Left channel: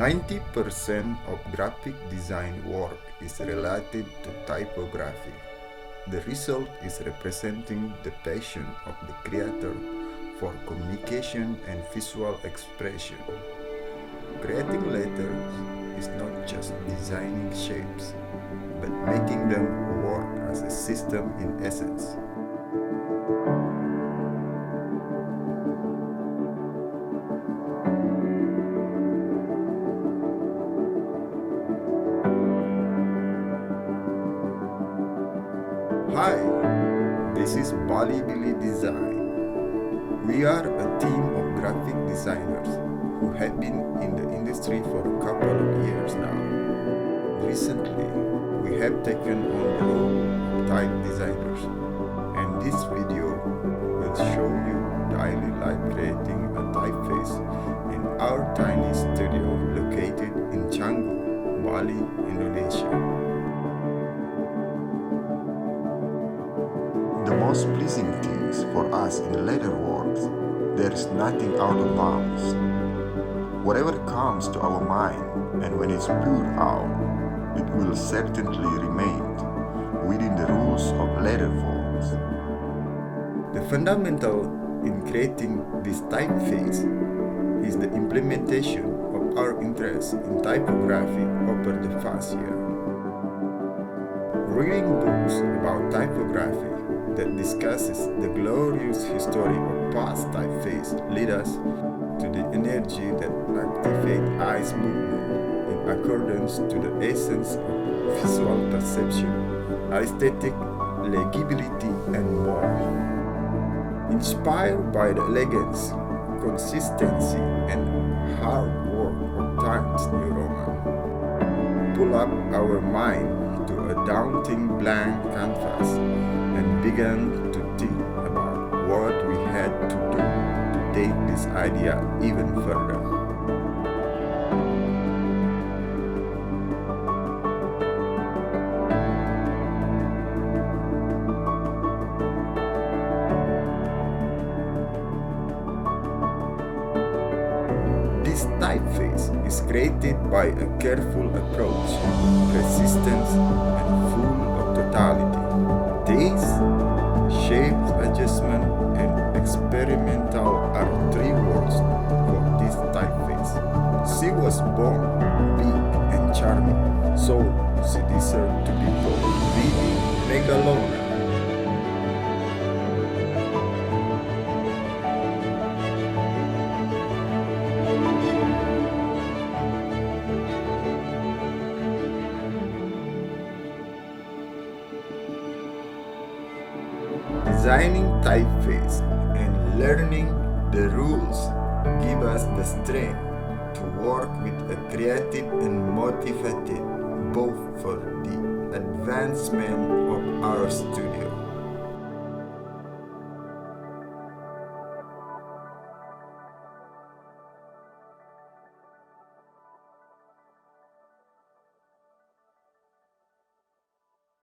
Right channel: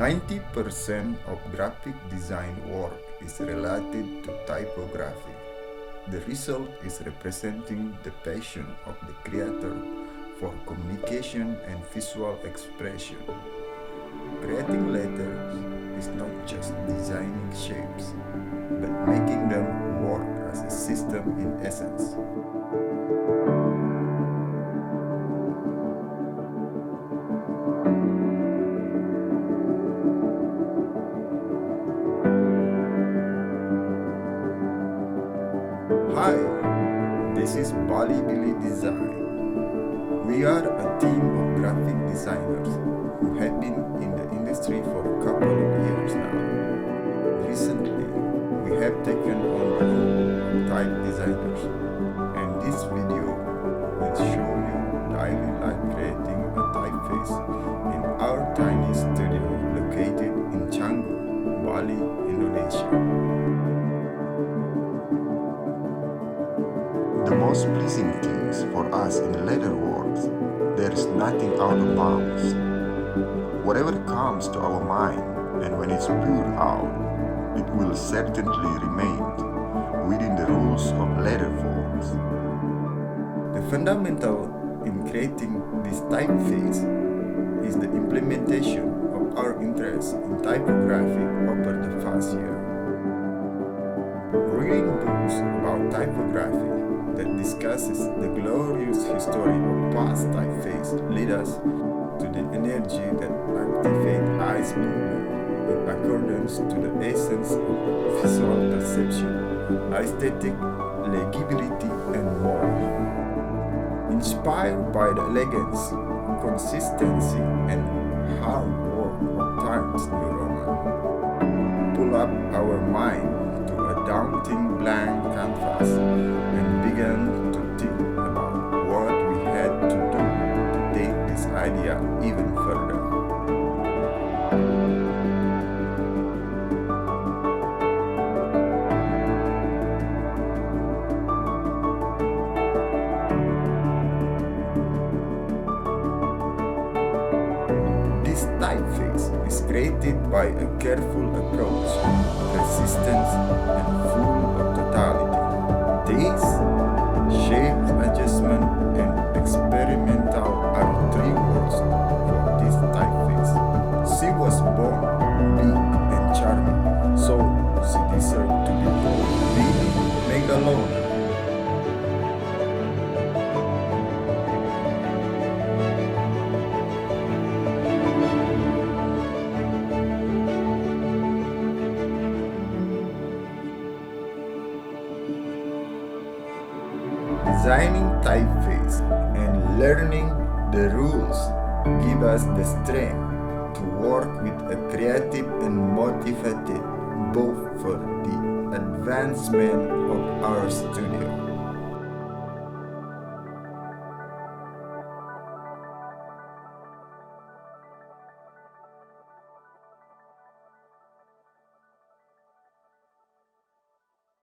90% of graphic design work is related to typography. The result is representing the passion of the creator for communication and visual expression. Creating letters is not just designing shapes, but making them work as a system in essence. Hi, this is Balibilly Design. We are a team of graphic designers who have been in the industry for a couple of years now. Recently, we have taken on the role of type designers, and this video will show you daily life creating a typeface in our tiny studio located in Canggu, Bali, Indonesia. The most pleasing things for us in letterworks, there is nothing out of bounds. Whatever comes to our mind, and when it's poured out, it will certainly remain within the rules of letter forms. The fundamental in creating this typeface is the implementation of our interest in typography over the past year. Reading books about typography that discusses the glorious history of past typeface lead us to the energy that activates eyes movement in accordance to the essence of visual perception, aesthetic, legibility, and more. Inspired by the elegance, consistency, and hard work of Times New Roman, pull up our mind to a daunting blank canvas and began to think about what we had to do to take this idea even further. This typeface is created by a careful approach, persistence, and full of totality. Taste, shape adjustment, and experimental are three words for this typeface. She was born big and charming, so she deserved to be called BD Megalona. Designing typeface and learning the rules give us the strength to work with a creative and motivated both for the advancement of our studio